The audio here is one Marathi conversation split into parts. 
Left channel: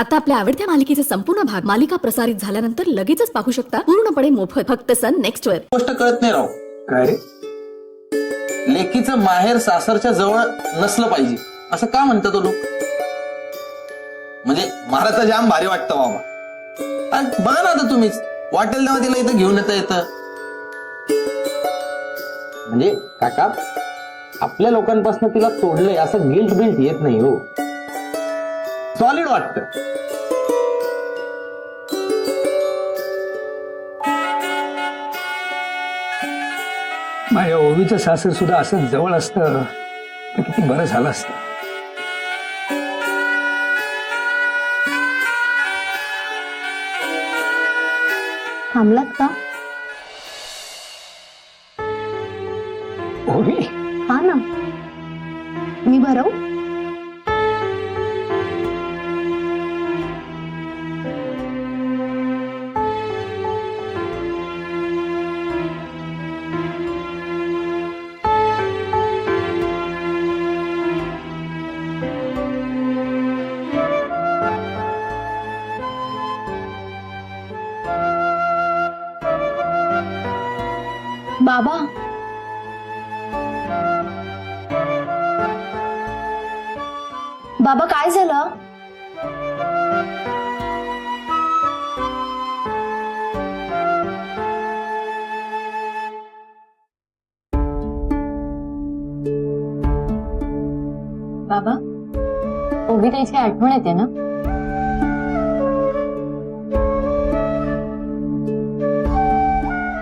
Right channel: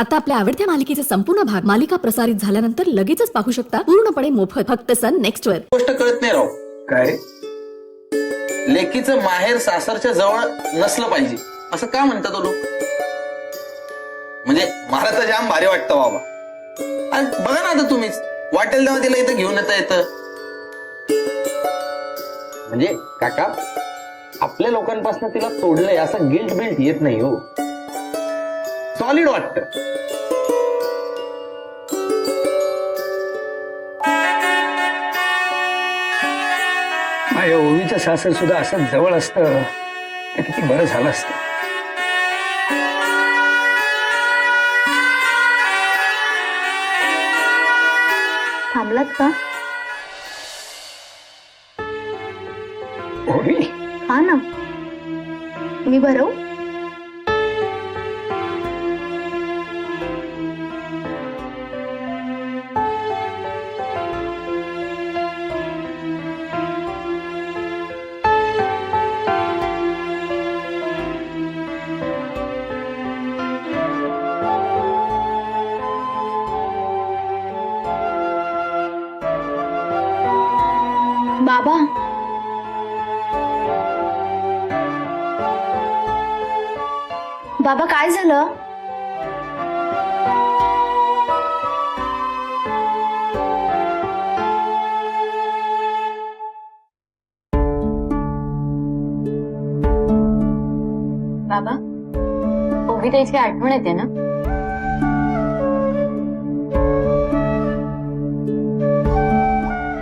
आता आपल्या आवडत्या मालिकेचे संपूर्ण भाग मालिका प्रसारित झाल्यानंतर लगेचच पाहू शकता पूर्णपणे मोफत फक्त सन नेक्स्ट वर. गोष्ट कळत नाही राव. काय रे? लेकीचं माहेर सासरच्या जवळ नसलं पाहिजे असं का म्हणतात तो लोक? म्हणजे मला तर जाम भारी वाटतं बाबा. आणि बघा ना आता तुम्हीच वाटेल तेव्हा तिला इथं घेऊन येतं. म्हणजे काका आपल्या लोकांपासून तिला तोडलंय असं गिल्ट बिल्ट येत नाही हो. सॉलिड वाटतं. माझ्या ओवीचं सासर सुद्धा असं जवळ असतं तर किती बरं झालं असतं. थांबलात का? ओवी, हा ना, मी भरवू? बाबा, बाबा काय झालं? बाबा, ओवी ताईची आठवण येते ना?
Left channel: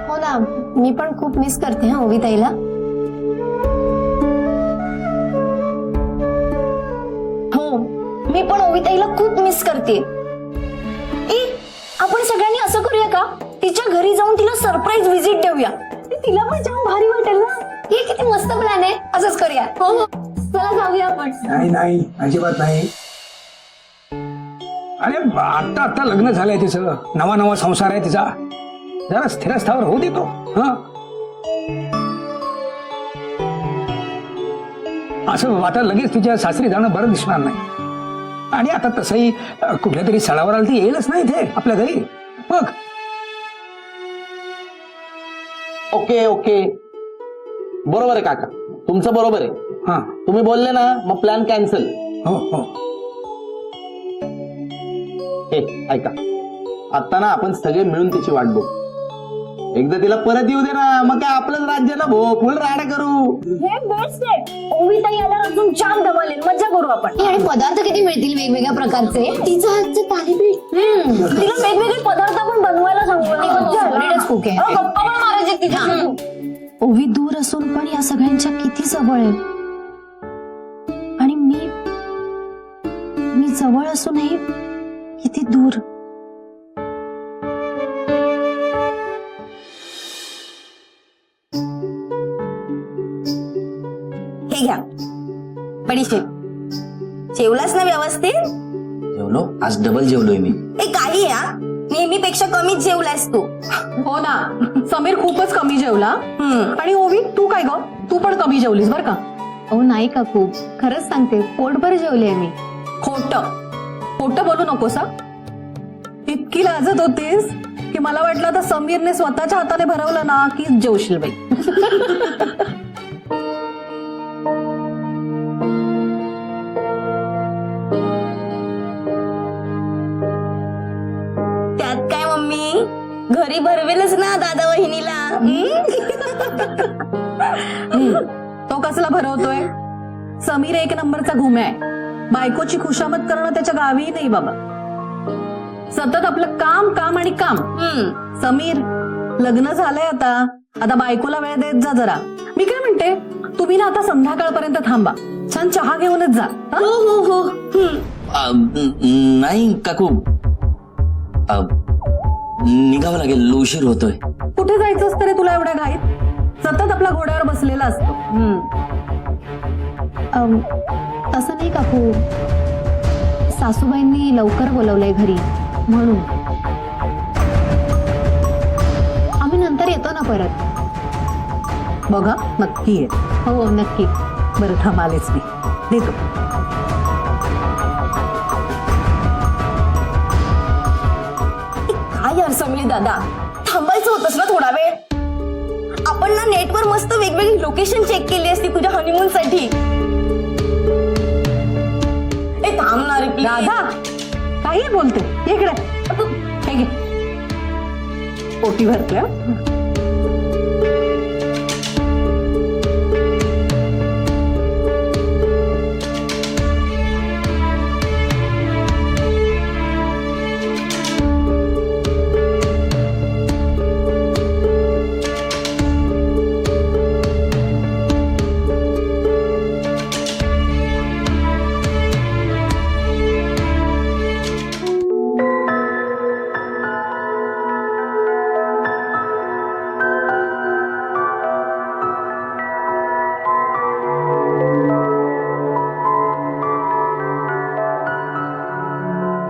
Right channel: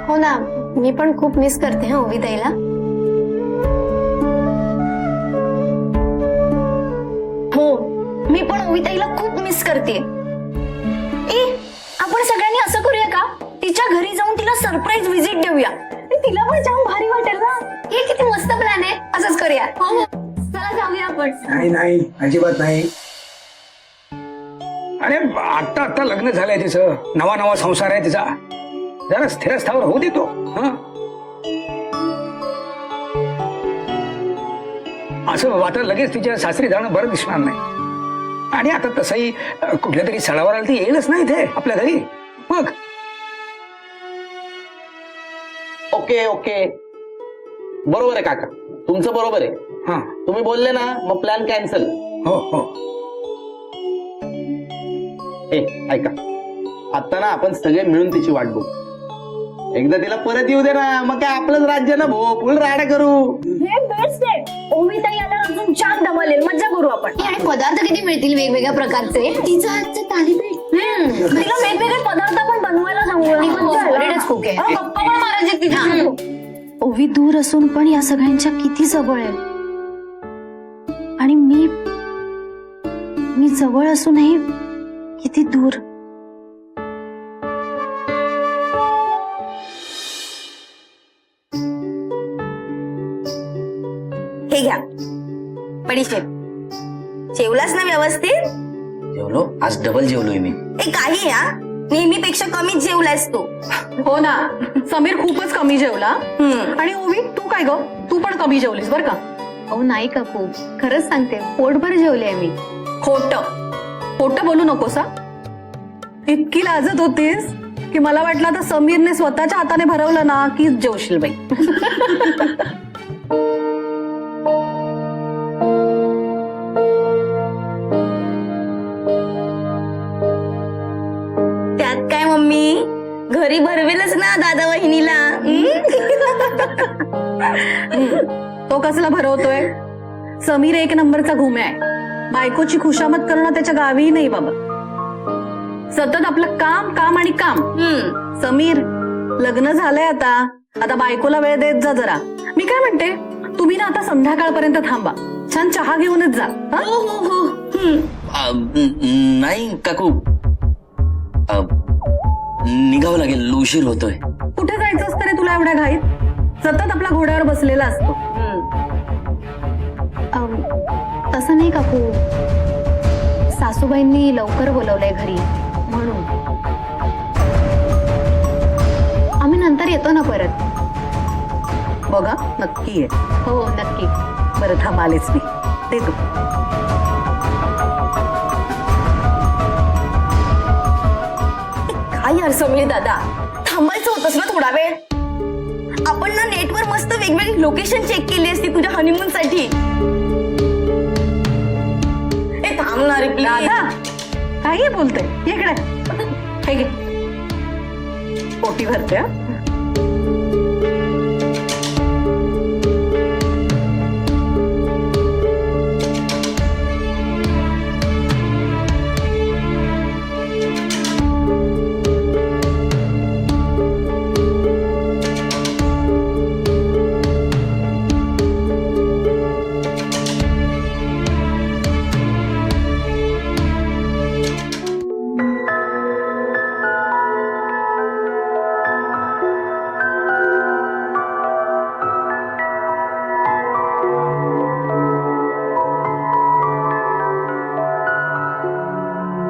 हो ना, मी पण खूप मिस करते ओवी ताईला. हो, मी पण ओवी ताईला खूप मिस करते. आपण सगळ्यांनी असं करूया का, तिच्या घरी जाऊन तिला सरप्राईज व्हिजिट देऊया. तिला पण जाम भारी वाटेल ना. हे किती मस्त प्लॅन आहे. असंच करूया. हो हो, चला जाऊया आपण. नाही नाही, अजिबात नाही. अरे आता आता लग्न झालंय तिचं, नवा नवा संसार आहे तिचा. जरा स्थिरस्थावर होऊ दे तो. असं आता लगेच तिच्या सासरी जाणं बरं दिसणार नाही. आणि आता तसंही कुठल्या तरी सणावर आलं ती येईलच नाही इथे आपल्या घरी. मग ओके ओके, बरोबर आहे काका, तुमचं बरोबर आहे. हा, तुम्ही बोलले ना, मग प्लॅन कॅन्सल. हो हो. ऐका, आता ना आपण सगळे मिळून तिची वाट बघू. एकदा तिला परत येऊ दे ना, मग काय आपलंच राज्य ना भो, फुल राडा करू. हे बेस्ट आहे. ओवी ताई आल्यावर अजून जाम धमालेल, मजा करू आपण. आणि पदार्थ किती मिळतील वेगवेगळ्या प्रकारचे. तिचं हातचं थालीपीठ. तिला वेगवेगळे पदार्थ पण बनवायला सांगूया. कुक आहे. गप्पा पण मारायचे तिच्या. ओवी दूर असून पण या सगळ्यांच्या किती जवळ आहे. आणि मी जवळ असूनही किती दूर. हे घ्या बडीशेप. जेवलास ना व्यवस्थित? जेवलो, आज डबल जेवलोय मी. ए काही या, नेहमीपेक्षा कमीच जेवलास तू. हो ना, समीर खूपच कमी जेवला. आणि ओवी तू काय ग, तू पण कमी जेवलीस बर का? अहो नाही काकू, खरंच सांगते, पोटभर जेवले मी. खोटं बोलू नकोस हा. इतकी लाजत होतीस की मला वाटलं आता समीरने स्वतःच्या हाताने भरवलं ना की जेवशील बाई. त्यात काय मम्मी, घरी भरवेलच ना दादा वहिनीला. तो कसला भरवतोय? समीर एक नंबरचा घुम्या आहे. बायकोची खुशामत करणं त्याच्या गावीही नाही बाबा. सतत आपलं काम काम आणि काम. समीर, लग्न झालंय आता बायकोला वेळ देत जा जरा. मी काय म्हणते, तुम्ही ना आता संध्याकाळपर्यंत थांबा, छान चहा घेऊनच जा. हो हो हो. नाही काकू, निघावं लागेल, उशीर होतोय. कुठे जायचं असतं रे तुला एवढ्या घाईत? सतत आपल्या घोड्यावर बसलेला असतो. तसं नाही काकू, सासूबाईंनी लवकर बोलवलंय घरी म्हणून. आम्ही नंतर येतो ना परत. बघा नक्की आहे. हो नक्की. बरं थांब, आलेच मी, दे तू. यार समीर दादा, थांबायचं होतंस ना थोडा वेळ. आपण ना नेटवर मस्त वेगवेगळी लोकेशन चेक केली असती तुझ्या हनीमून साठी. ए थांबणार राधा काही बोलते ये इकडे. हे घे पोटी भरते हा.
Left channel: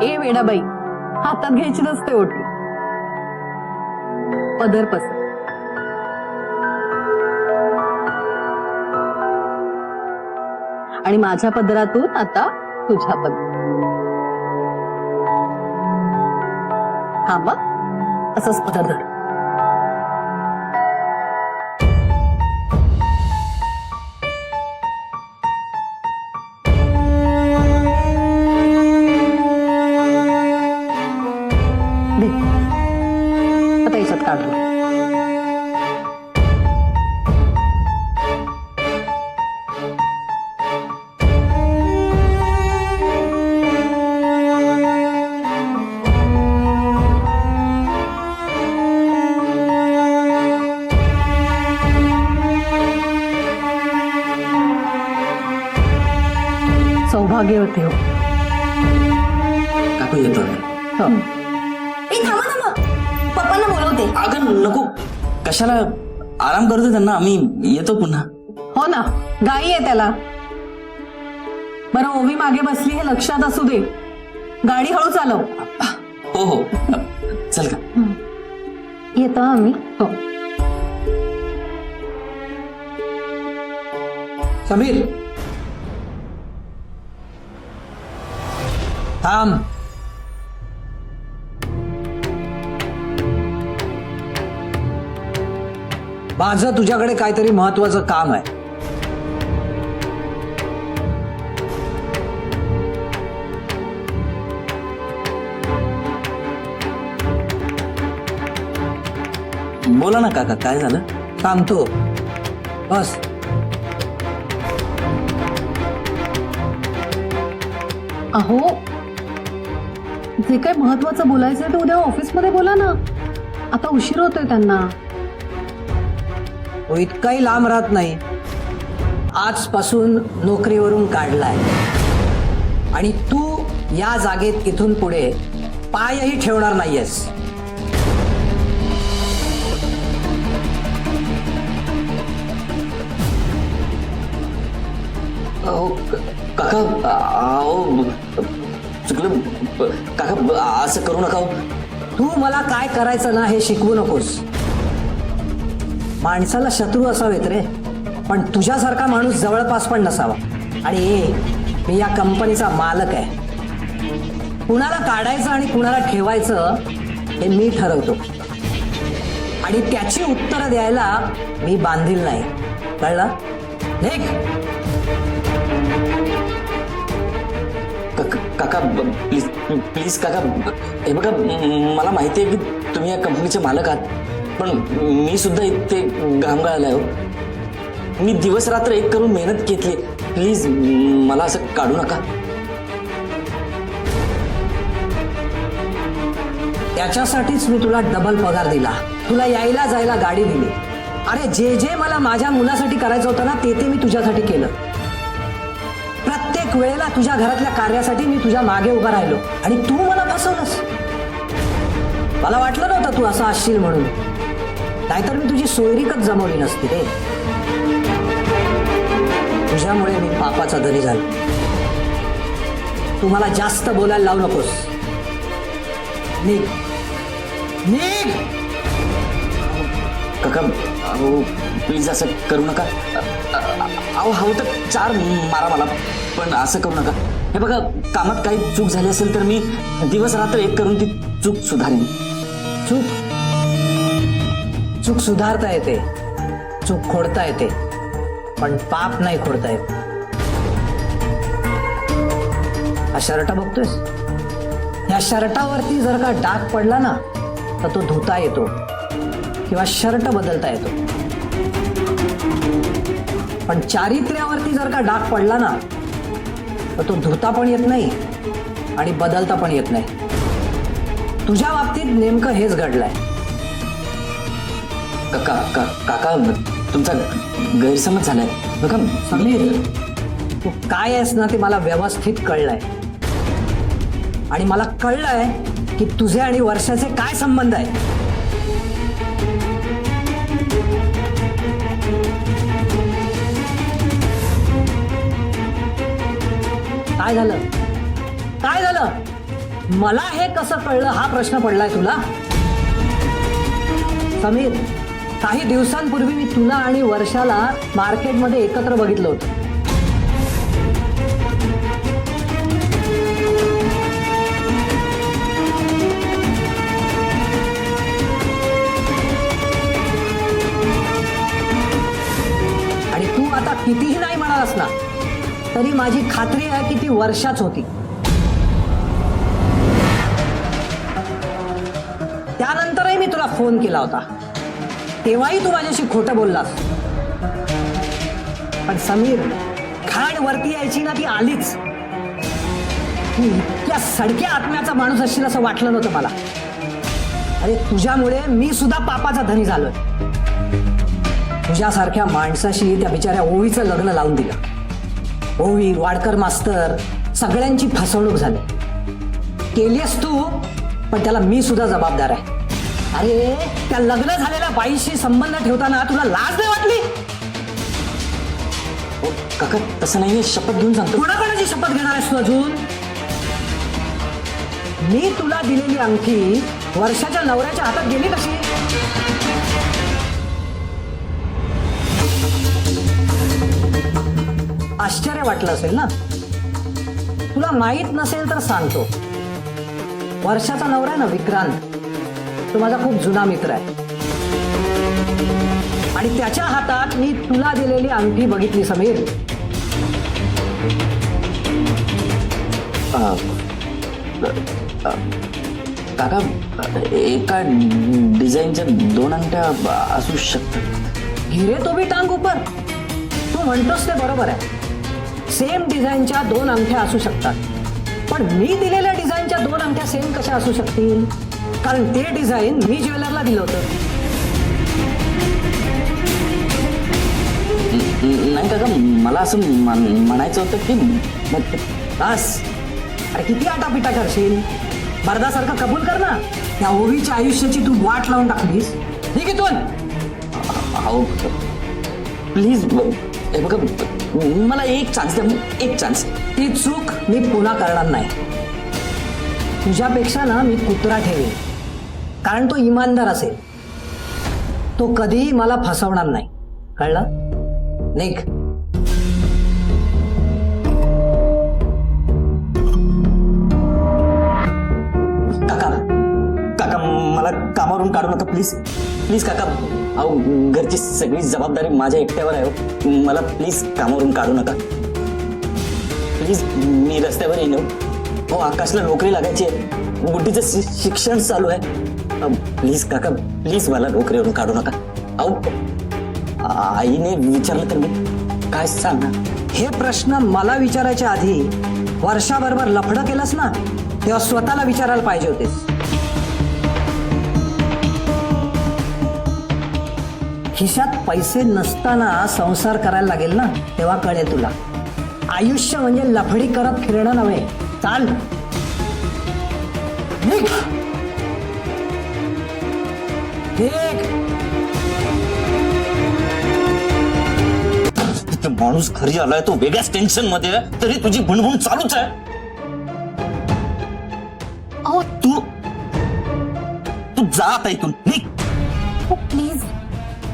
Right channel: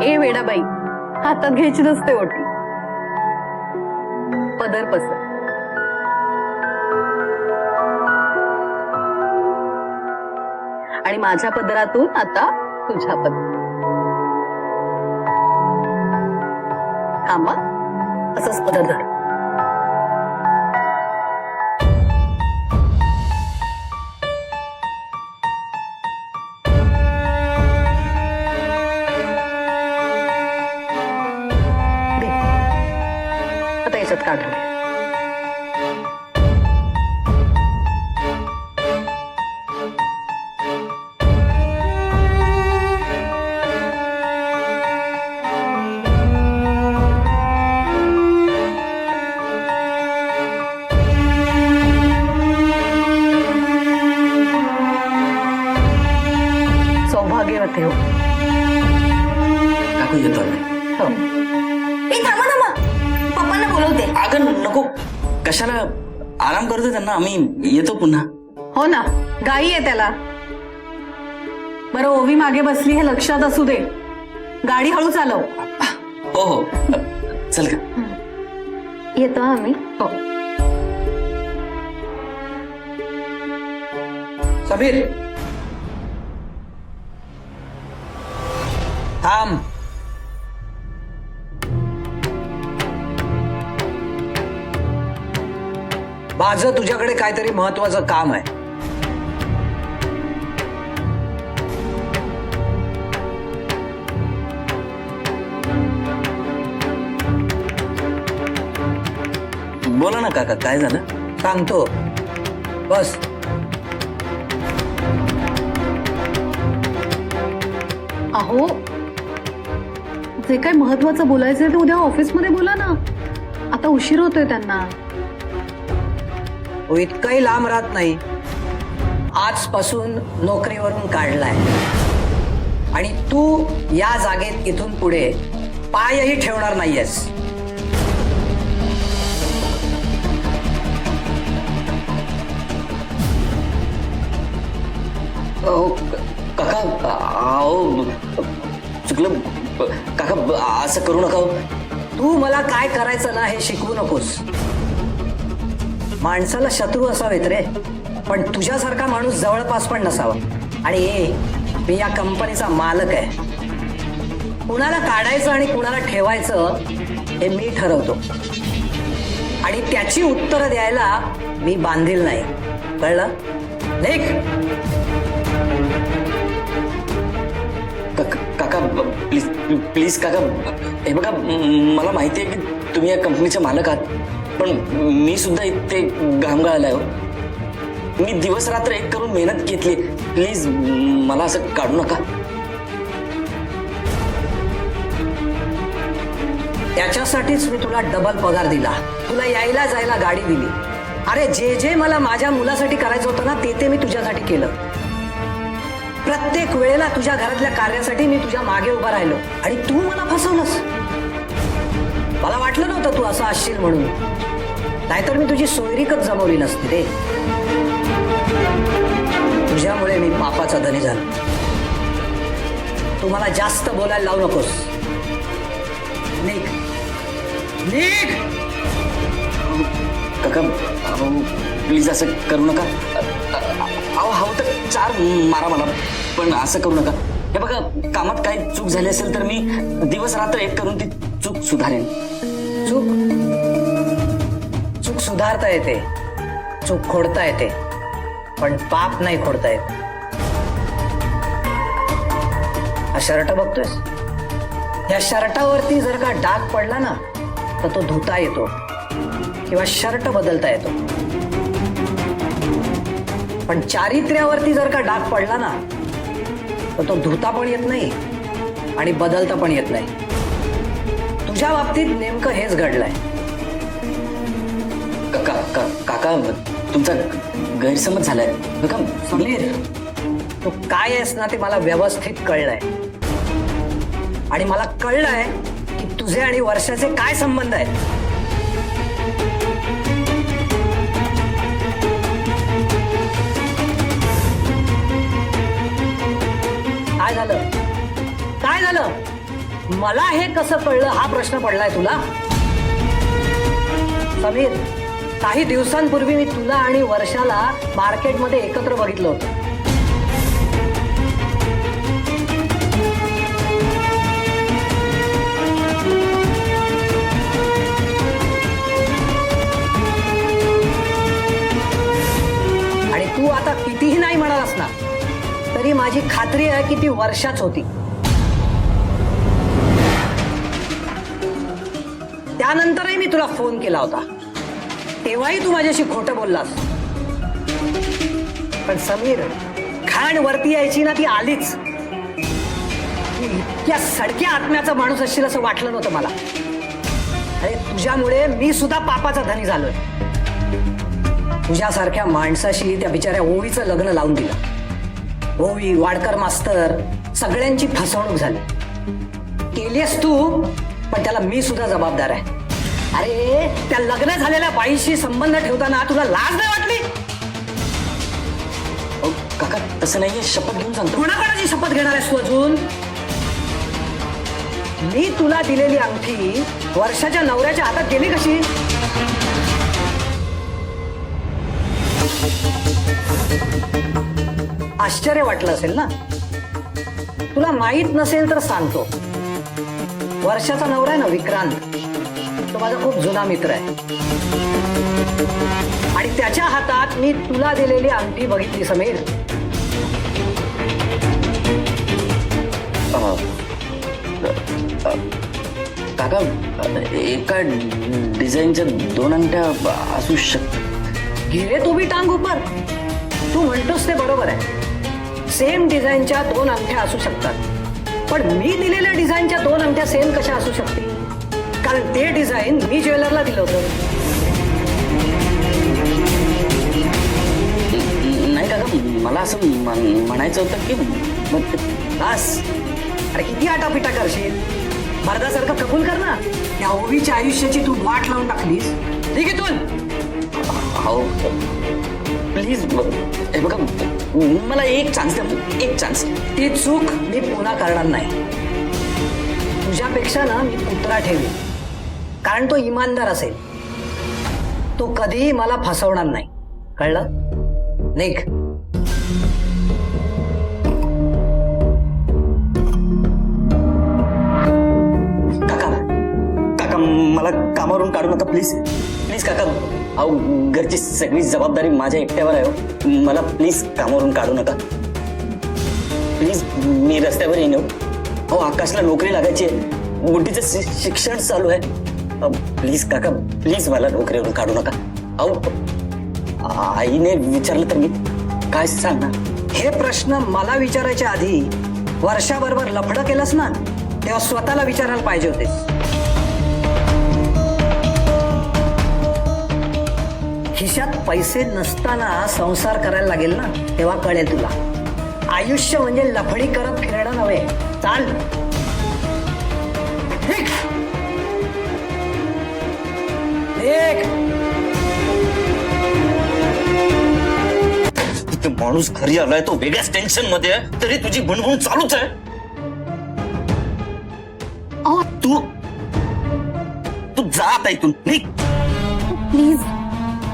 ए वेडाबाई, हातात घ्यायची नसते ओटी. पदर पसर. आणि माझ्या पदरातून आता तुझ्या पदर. थांबा असंच पदर धर. दे. आता याच्यात काढू. सौभाग्यवती हो. काकू येतो मी. हो. ए थांबा थांबा, पप्पांना बोलवते. अगं नको, कशाला, आराम करतो त्यांना, आम्ही येतो पुन्हा. हो ना, गाई आहे त्याला. बरं ओवी मागे बसली हे लक्षात असू दे. गाडी हळू चालव. हो हो, चल का. येतो आम्ही. हो. समीर थांब. माझं तुझ्याकडे काहीतरी महत्वाचं काम आहे. बोला ना काका, काय झालं? सांगतो, बस. अहो जे काय महत्वाचं बोलायचंय ते उद्या ऑफिसमध्ये बोला ना. आता उशीर होतोय त्यांना. तो इतकाही लांब राहत नाही. आजपासून नोकरीवरून काढलाय आणि तू या जागेत इथून पुढे पायही ठेवणार नाहीयेस. काका, अहो चुकलं काका, असं करू नका. तू मला काय करायचं ना हे शिकवू नकोस. माणसाला शत्रू असावेत रे, पण तुझ्यासारखा माणूस जवळपास पण नसावा. आणि मी या कंपनीचा मालक आहे. कुणाला काढायचं आणि कुणाला ठेवायचं हे मी ठरवतो. आणि त्याची उत्तरं द्यायला मी बांधील नाही. कळलं? निघ. काका प्लीज प्लीज काका, हे बघा, मला माहिती आहे की तुम्ही या कंपनीचे मालक आहात, पण मी सुद्धा इथे घाम गाळलाय हो. मी दिवस रात्र एक करून मेहनत घेतली. प्लीज मला असं काढू नका. त्याच्यासाठीच मी तुला डबल पगार दिला. तुला यायला जायला गाडी दिली. अरे जे जे मला माझ्या मुलासाठी करायचं होतं ना ते मी तुझ्यासाठी केलं. प्रत्येक वेळेला तुझ्या घरातल्या कार्यासाठी मी तुझ्या मागे उभा राहिलो आणि तू मला फसवलंस. मला वाटलं नव्हतं तू असं असशील म्हणून, नाहीतर मी तुझी सोयरीकच जमवली नसती रे. तुझ्यामुळे मी पापाचा धनी झालो. तू मला जास्त बोलायला लावू नकोस. निघ निघ. काका अहो प्लीज असं करू नका. अहो हवं तर 4 मारा मला, पण असं करू नका. हे बघा, कामात काही चूक झाली असेल तर मी दिवस रात्र एक करून ती चूक सुधारेन. चूक सुधारता येते, चूक खोडता येते, पण पाप नाही खोडता येत. हा शर्ट बघतोयस, या शर्टावरती जर का डाग पडला ना तर तो धुता येतो किंवा शर्ट बदलता येतो, पण चारित्र्यावरती जर का डाग पडला ना तर तो धुता पण येत नाही आणि बदलता पण येत नाही. तुझ्या बाबतीत नेमकं हेच घडलंय. काका तुमचा गैरसमज झालाय बघा. समीर, तू काय आहेस ना ते मला व्यवस्थित कळलंय आणि मला कळलंय की तुझे आणि वर्षाचे काय संबंध आहेत. काय झालं, काय झालं, मला हे कसं कळलं हा प्रश्न पडलाय तुला. समीर, काही दिवसांपूर्वी मी तुला आणि वर्षाला मार्केटमध्ये एकत्र बघितलं होतं. आणि तू आता कितीही नाही म्हणालास ना तरी माझी खात्री आहे की ती वर्षाच होती. त्यानंतरही मी तुला फोन केला होता, तेव्हाही तू माझ्याशी खोटं बोललास. पण समीर, खाण वरती यायची ना ती आलीच. तू इतक्या सडक्या आत्म्याचा माणूस असशील असं वाटलं नव्हतं मला. अरे तुझ्यामुळे मी सुद्धा पापाचा धनी झालोय. तुझ्यासारख्या माणसाशी त्या बिचाऱ्या ओवीचं लग्न लावून दिलं. ओवी, वाडकर मास्तर सगळ्यांची फसवणूक झाली. केलीस तू, पण त्याला मी सुद्धा जबाबदार आहे. अरे त्या लग्न झालेल्या बाईशी संबंध ठेवताना तुला लाज नाही वाटली? काका तसं नाहीये, शपथ घेऊन सांगतो. कोणाकोणाची शपथ घेणार आहेस तू अजून? मी तुला दिलेली अंगठी वर्षाच्या नवऱ्याच्या हातात गेली कशी? आश्चर्य वाटलं असेल ना. तुला माहित नसेल तर सांगतो. वर्षाचा नवरा आहे ना विक्रांत, तो माझा खूप जुना मित्र आहे आणि त्याच्या हातात मी तुला दिलेली अंगठी बघितली समीर. काका एका डिझाईनच्या 2 अंगठ्या असू शकतात. गिरे तो भी टांग ऊपर. तू म्हणतोस ते बरोबर आहे. सेम डिझाईनच्या 2 अंगठ्या असू शकतात, पण मी दिलेल्या डिझाईनच्या 2 अंगठ्या सेम कशा असू शकतील? कारण ते डिझाईन मी ज्वेलरला दिलं होतं. नाही काका, मला असं म्हणायचं होतं की बस. अरे किती आटापिटा करशील? मर्दासारखं कबूल कर ना. त्या ओवीच्या आयुष्याची तू वाट लावून टाकलीस. ठीक आहे तू हो प्लीज, हे बघा मला एक चान्स द्या, एक चान्स. ती चूक मी पुन्हा करणार नाही. तुझ्यापेक्षा ना मी कुत्रा ठेवीन, कारण तो इमानदार असेल. तो कधीही मला फसवणार नाही. कळलं? निघ. काका काका मला कामावरून काढू नका प्लीज. प्लीज काका, अहो घरची सगळी जबाबदारी माझ्या एकट्यावर आहे. मला प्लीज कामावरून काढू नका प्लीज. मी रस्त्यावर येईन. अहो आकाशला नोकरी लागायची आहे, गुड्डीचं शिक्षण चालू आहे. प्लीज काका, प्लीज मला नोकरीवरून काढू नका. अहो आईने विचारलं तर मी काय सांगणार? हे प्रश्न मला विचारायच्या आधी वर्षाबरोबर लफडं केलंस ना, तेव्हा स्वतःला विचारायला पाहिजे होतेस. खिशात पैसे नसताना संसार करायला लागेल ना, तेव्हा कळेल तुला. आयुष्य म्हणजे लफडी करत फिरणं नव्हे. चाल निघ. माणूस घरी आलाय तो वेगळ्याच टेन्शन मध्ये आहे, तरी तुझी भुणभुण चालूच आहे. तू तू जा आता इथून, निघ. प्लीज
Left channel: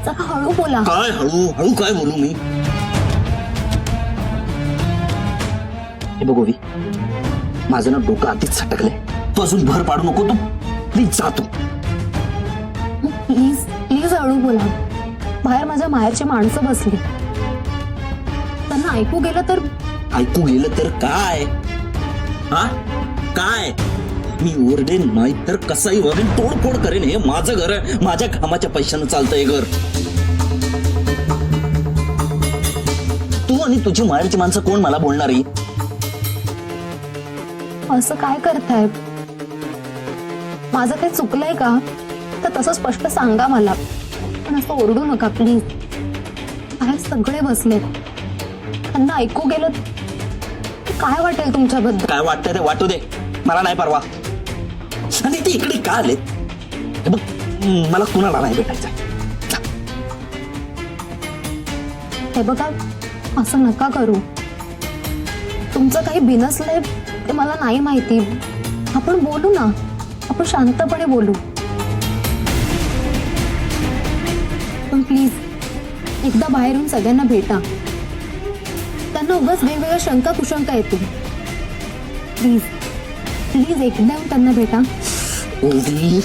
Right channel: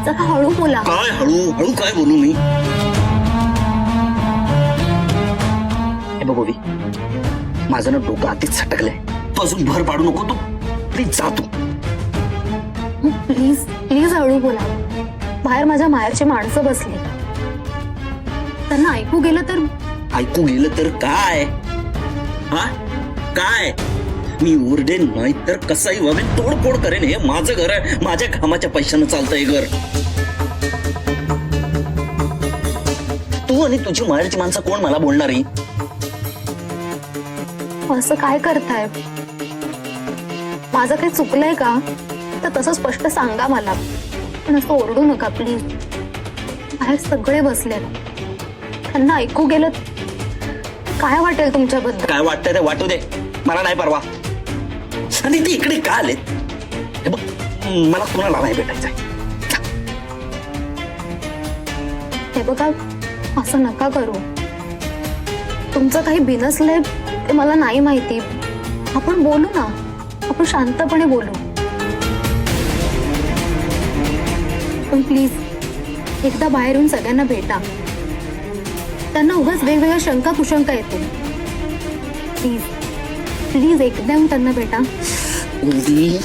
जरा हळू बोला. काय हळू हळू काय बोलू मी? हे बघ ओवी, माझं ना डोकं आधीच सटकलंय. तू अजून भर पाडू नको. तू प्लीज जा. तू प्लीज प्लीज हळू बोला. बाहेर माझ्या माहेरची माणसं बसली, त्यांना ऐकू गेलं तर. ऐकू गेलं तर काय? हा काय? मी ओरडेन नाही तर कसाही वागेन, तोडफोड करेन. हे माझं घर आहे, माझ्या कामाच्या पैशानं चालतं हे घर. तू आणि तुझी माहेरची माणसं कोण मला बोलणारी? असं काय करताय? माझं काही चुकलंय का तर तसं स्पष्ट सांगा मला, पण असं ओरडू नका प्लीज. बाहेर सगळे बसलेत, त्यांना ऐकू गेलं काय वाटेल तुमच्याबद्दल? काय वाटतंय ते वाटू दे, मला नाही परवा. आणि ते इकडे का आलेत? हे बघ, मला कुणाला नाही भेटायचंय. हे बघा, असं नका करू. तुमचं काही बिनसलंय ते मला नाही माहिती. आपण बोलू ना, आपण शांतपणे बोलू. पण प्लीज एकदा बाहेरून सगळ्यांना भेटा. त्यांना उगाच वेगवेगळ्या शंका कुशंका येतील. प्लीज प्लीज एकदा येऊन त्यांना भेटा. ओवी,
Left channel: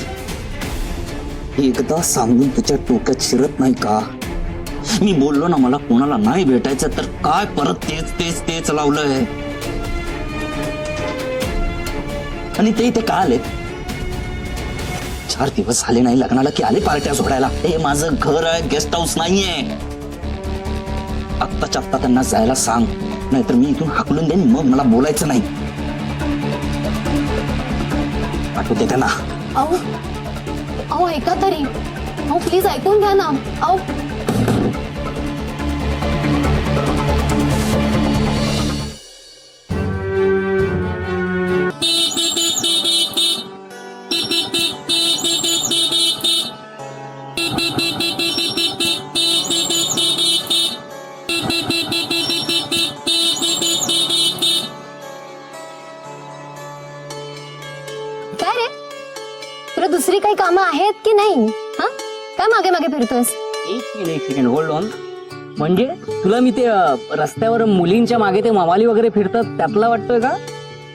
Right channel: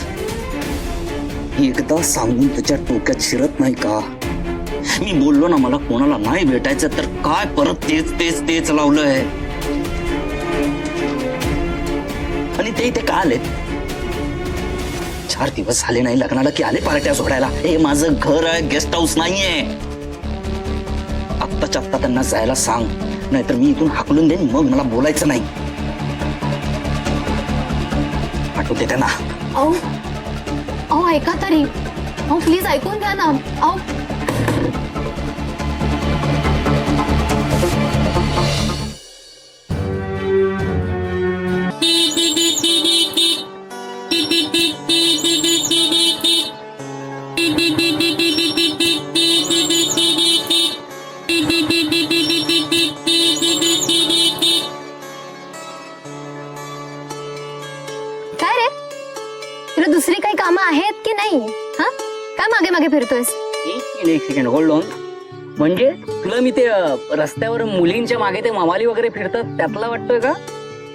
एकदा सांगून तुझ्या डोक्यात शिरत नाही का? मी बोललो ना मला कोणाला नाही भेटायचं, तर काय परत तेच तेच तेच लावलंय. आणि ते इथे का आले? 4 दिवस झाले नाही लग्नाला की आले पार्ट्या सोडायला. हे माझं घर आहे, गेस्ट हाऊस नाहीये. आत्ताच्या आत्ता त्यांना जायला सांग, नाहीतर मी इथून हाकलून देईन. मग मला बोलायचं नाही. आठवते त्यांना. अहो अहो ऐका तरी. अहो प्लीज ऐकून घ्या ना. अहो काय रे, तुला दुसरी काही कामं आहेत की नाही? हा, काय मागे मागे फिरतोयस? एक सेकंड होल्ड ऑन. म्हणजे तुला मी ते रस्त्यावर मुलींच्या मागे ते मवाली वगैरे फिरतात त्यातला वाटतोय का?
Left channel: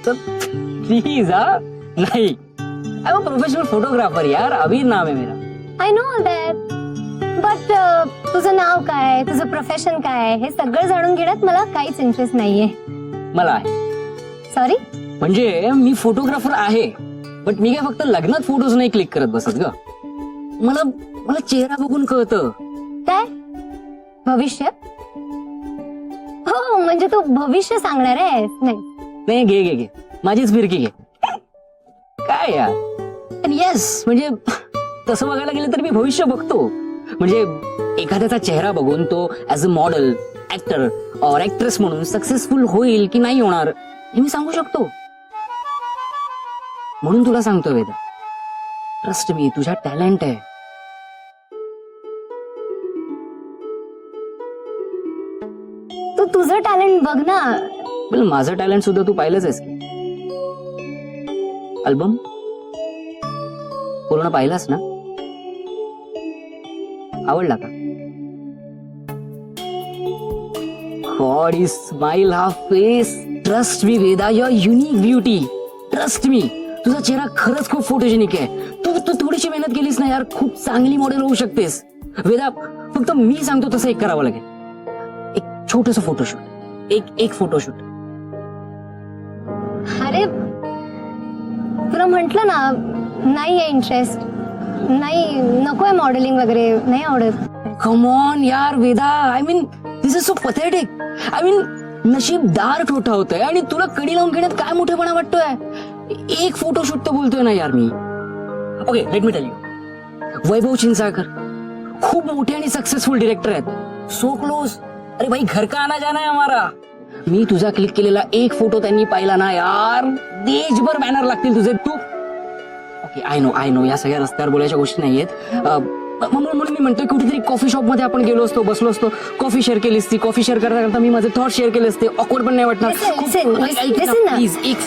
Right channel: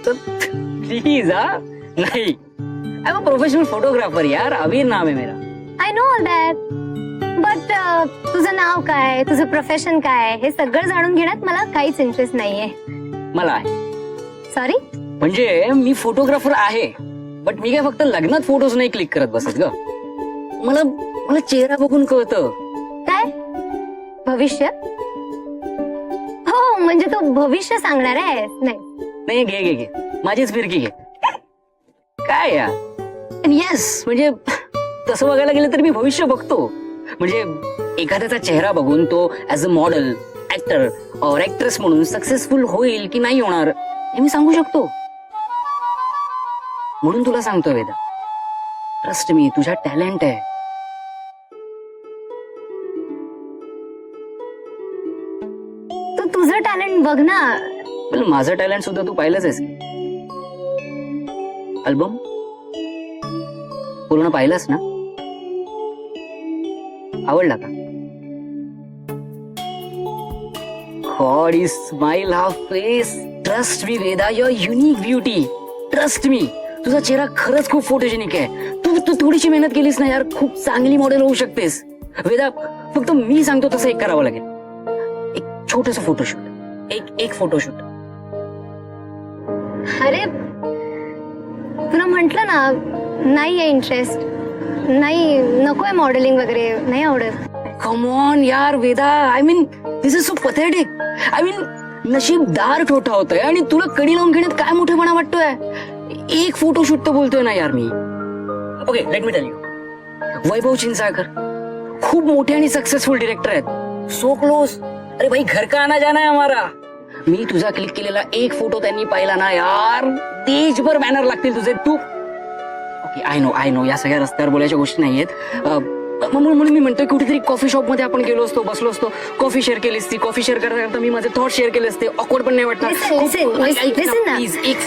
तर प्लीज हा नाही. I am a professional photographer यार, अबीर नाम आहे मेरा. I know all that, but तुझं नाव काय, तुझं प्रोफेशन काय, हे सगळं जाणून घेण्यात मला काहीच इंटरेस्ट नाहीये. मला आहे. सॉरी. म्हणजे मी फोटोग्राफर आहे, बट मी काय फक्त लग्नात फोटोज नाही क्लिक करत बसत ग. मला मला चेहरा बघून कळतं. काय भविष्य? हो, म्हणजे तू भविष्य सांगणार आहेस? नाही नाही, घे घे घे, माझीच फिरकी घे. काय यार, येस, म्हणजे तसं बघायला गेलं तर मी भविष्य बघतो. म्हणजे एखाद्याचा चेहरा बघून तो ऍज अ मॉडेल, ऍक्टर और ऍक्ट्रेस म्हणून सक्सेसफुल होईल की नाही होणार हे मी सांगू शकतो. म्हणून तुला सांगतोय वेदा, ट्रस्ट मी, तुझ्या टॅलेंट आहे. तू तुझं टॅलेंट बघ ना. पण माझं टॅलेंट सुद्धा तू पाहिलंच आहेस. अल्बम पूर्ण पाहिलास ना? आवडला का? गॉड इज स्माइल, हा face. Trust me Veda, your unique beauty. Trust me, तुझा चेहरा खरंच खूप फोटोजेनिक आहे. तू थोडीशी मेहनत केलीस ना यार, खूप चांगली मॉडेल होऊ शकतेस. वेदा, फक्त मी सांगतो तसं एक करावं लागेल. एक छोटस फोटोशूट, एक फोटोशूट. अरे तुला म्हंटल ना, नाहीये इंटरेस्ट, नाही, नकोय मॉडेलिंग वगैरे, नाही आवडत. कम ऑन यार Veda, I mean this is so pathetic. I mean नशीबदार छोटा होतोय आणि तुला कडी लावून घेण्यात काय मोठेपणा वाटतोय. एक फोटोशूट तर बोलतोय ना यार मी. Okay, let me tell you. Vaibhav Chinchalkar खूप मोठे आणि सक्सेसफुल डिरेक्टर आहेत. So close. अरे भाई, घर का आना जाना है हमारा. मी तुझा क्लिक केलेला एक फोटो त्यांनी पाहिला ना यार, देशभर बॅनर लागतील तुझे. तू ओके, आय नो या सगळ्या रस्त्यावर बोलायच्या गोष्टी नाहीयेत. म्हणून मी म्हणतोय कुठेतरी कॉफी शॉप मध्ये आपण गेलो असतो, बसलो असतो, कॉफी शेअर केली असती. कॉफी शेअर करता करता मी माझे थॉट शेअर केले असते. ऑकवर्ड पण नाही वाटणार. Listen ना. प्लीज एक